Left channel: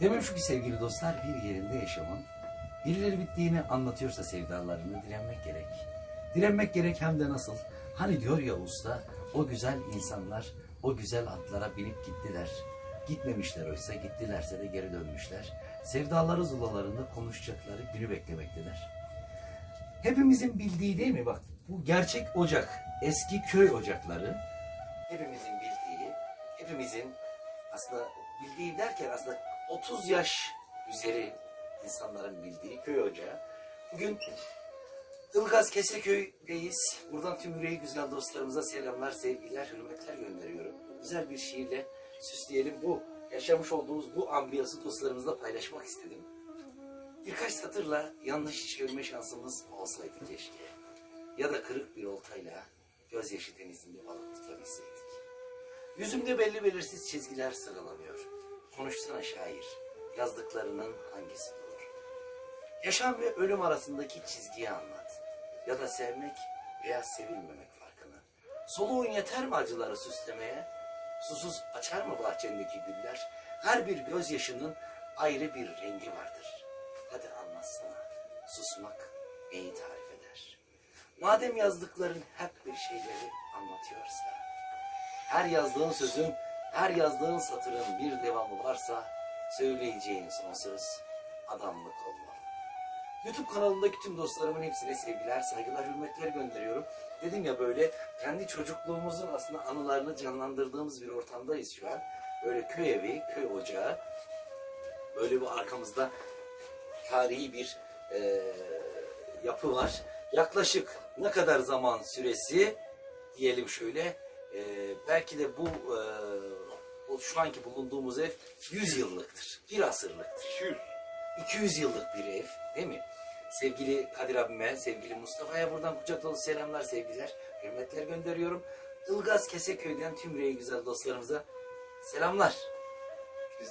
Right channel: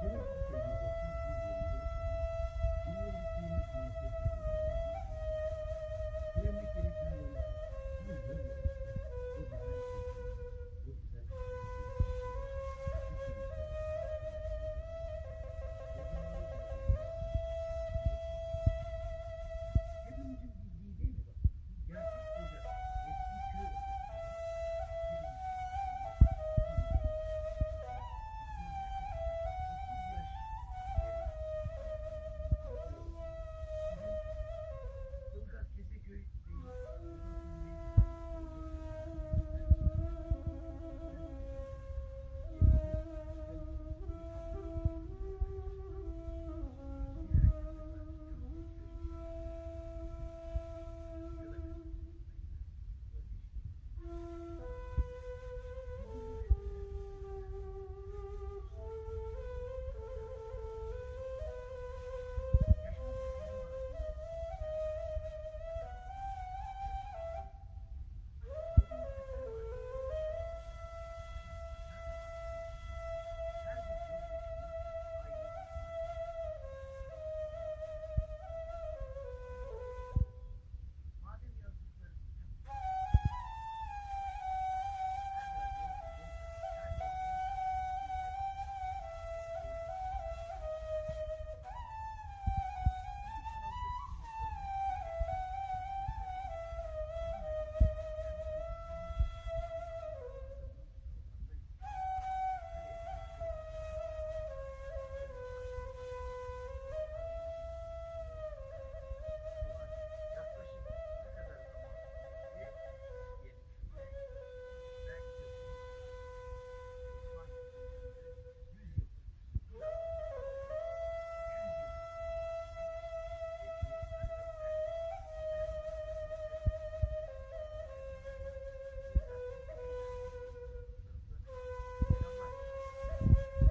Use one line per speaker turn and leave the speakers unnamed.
Demem şu ki sevgili dostlar bir yerinde yaşamın birileri bittiğini anlatıyorsa sevdalarını direnmek gerek. Direnmek gerek hem de nasıl? Hani diyor ya usta o güzel insanlar o güzel atlara binip gittiler. Gitmemişler oysa gittilerse de geri dönmüşler. Sevdaları zulalarında konuşacakları günü beklemektedir. Hepimizin bildiği değil mi bak bu gerçek ocak eski köy ocakları hepimizin bildiği hepimizin aslında bildiği derken aslında 30 yaş üzeri insanların bildiği köy ocağı. Bugün Ilgaz Keseköy'deyiz. Buradan tüm yüreği güzel dostlarımıza selamlar, sevgiler, hürmetler gönderiyorum. Güzel bir şiirle süsleyelim bu yaşamış olduğumuz bu ambiyası dostlarımızla paylaşmak istedim. Birkaç satırla yanlış çevirme şansımız olsaydı keşke. Ya da kırık bir oltayla gözyaşı denizinde balık tutabilseydik. Yüzümde belli belirsiz çizgiler sıralanıyor. Konuşsana şair, yazdıklarının hangisi doğru? Yaşam ve ölüm arasındaki çizgiyi anlat. Ya da sevmek veya sevilmemek farkını. Soluğun yeter mi acıları süslemeye? Susuz açar mı bahçendeki güller? Her bir gözyaşının ayrı bir rengi vardır. Hadi anlatsana. Susmak neyi tarif eder? Madem yazdıkların hep bir şeyleri anlatıyorsa, her yazdığın sözün, her yazdığın satırın bir devamı varsa, söyleyeceğin son söz adamlık olmalı. YouTube kanalındaki tüm dostlarımın hepsine sevgiler, saygılar, hürmetler gönderiyorum. Dedim ya böyle kendi çocukluğumuzun aslında anılarını canlandırdığımız bir ortamdayız şu an. Böyle köy evi, köy ocağı. Böyle bir arkamızda tarihi bir eee, yapı var. Yaklaşık ne kadar zaman süresi diyelim şöyle eee, belki de bu eee, bu şu anki bulunduğumuz ev 100 yıllıktır. Bir asırlıktır. 200 yıllık bir ev değil mi? Sevgili Kadir abime, sevgili Mustafa'ya buradan kucak dolu selamlar, sevgiler, hürmetler gönderiyorum. Ilgaz Keseköy'den tüm yüreği güzel dostlarımıza selamlar.